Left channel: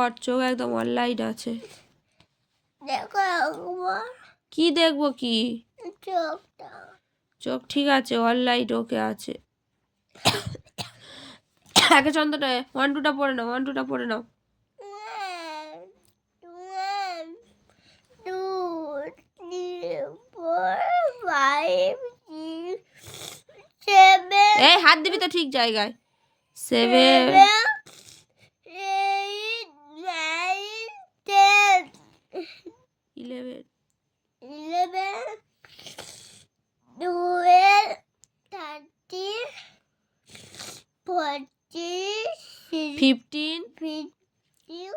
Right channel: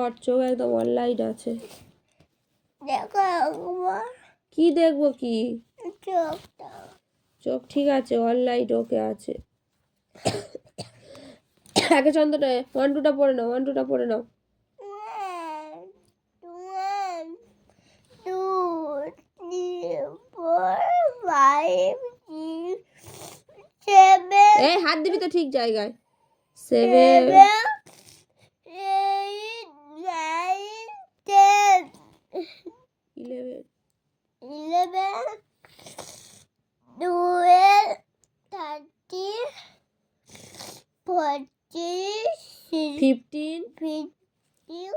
ওর চোখ একদম অনলাইন আছে। কি দেখব কি? চোখ ঠিক আছে অনলাইন ওকে আছে। একে চন্দ্রটা ওয়ান টুটা পড়ে নাও ওয়ান টুটা পড়ে নাও। এই হাত দিবি তো ঠিক জায়গায়। Seven eleven, eleven, twelve, thirteen, fourteen, fifteen, fifteen,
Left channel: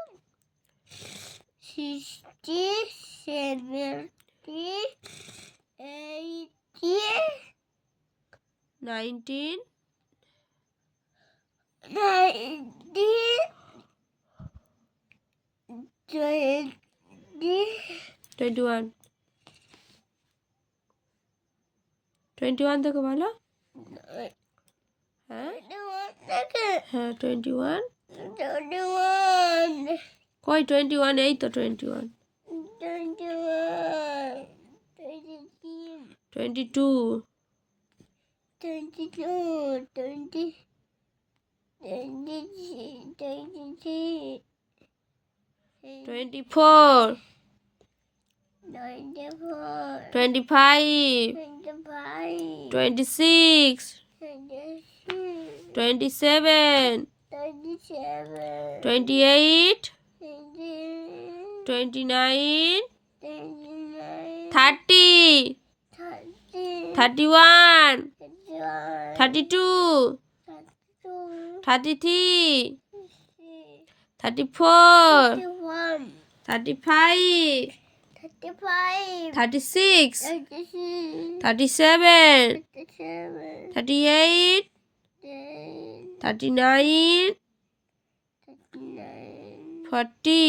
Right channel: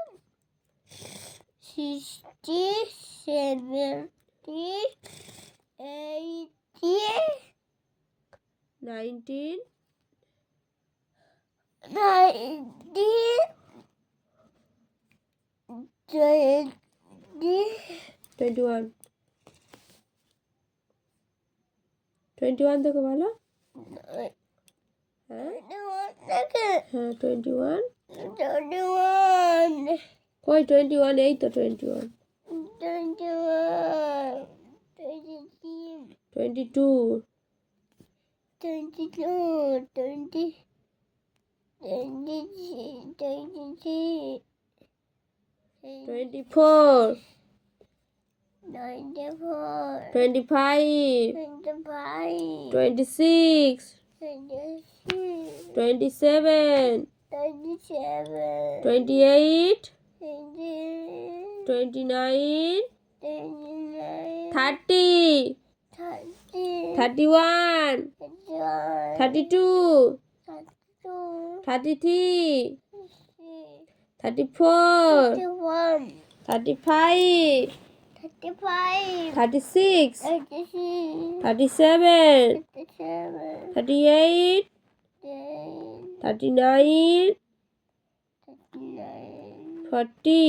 sixteen, seventeen, eighteen, nineteen, nineteen. Twenty one twenty one দেখো ভালো হ্যাঁ হ্যাঁ টোয়েন্টি ওয়ান কই টোয়েন্টি ওয়ান এই তো twenty one twenty two twenty-two, twenty, twenty-three, twenty-three, twenty four twenty five twenty six twenty seven twenty eight twenty nine thirty thirty one thirty two thirty three thirty four thirty five thirty six thirty seven thirty eight thirty nine forty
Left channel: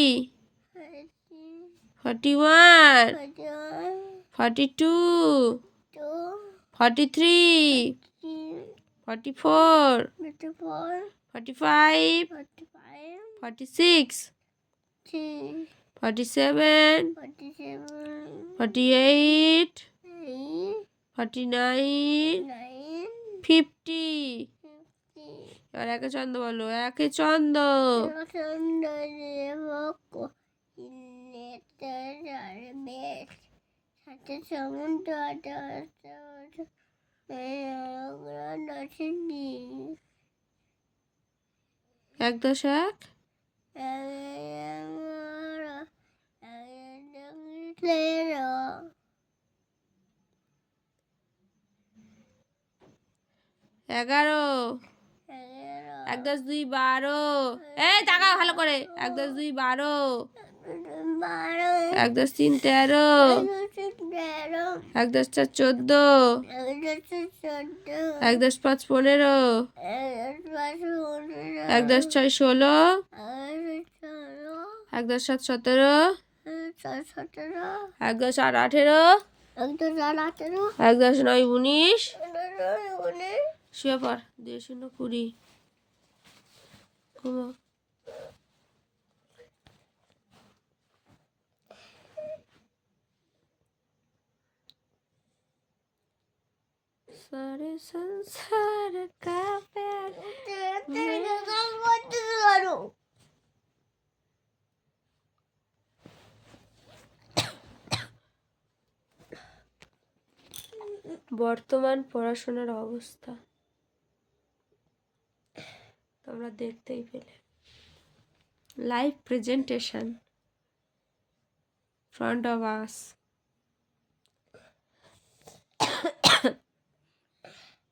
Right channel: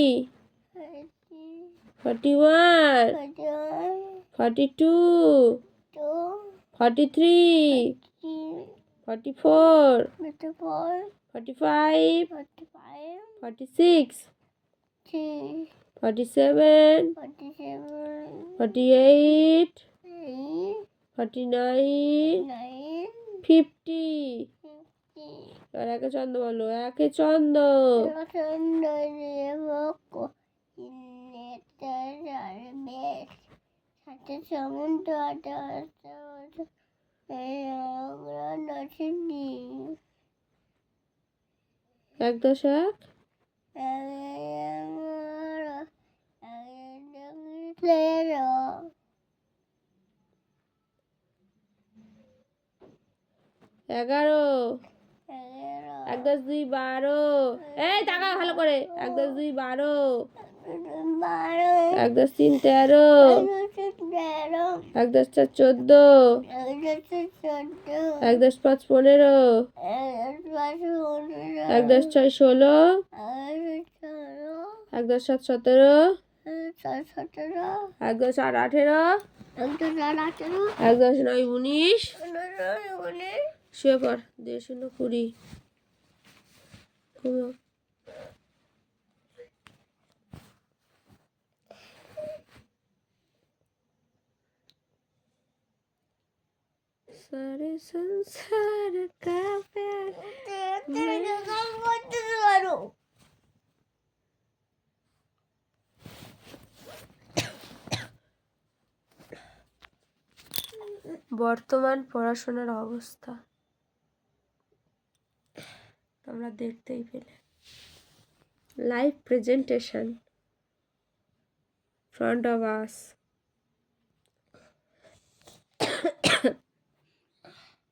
forty one forty two forty three forty four forty five forty six forty seven forty eight forty nine fifty. আর একে চন্দ বলো একে চন্দ এক দশ এক এগারো এক দশ দুই বারো এই টাকা ভালো করে এক দশ দুই বারো এক দশ তিন তেরো এক দশ চার চোদ্দ এক দশ পাঁচ পনেরো এক দশ ছয় ষোলো এক দশ সাত সতেরো সতেরো এক দশ আট আঠেরো এক দশ নয় উনিশ শুয়ে পর দুই শূন্য কুড়ি ঘুমো सारे संसार का प्यार বর্তমান পড়াশোনার অবস্থা তোমরা দেখতেই পেলে live presentation front of us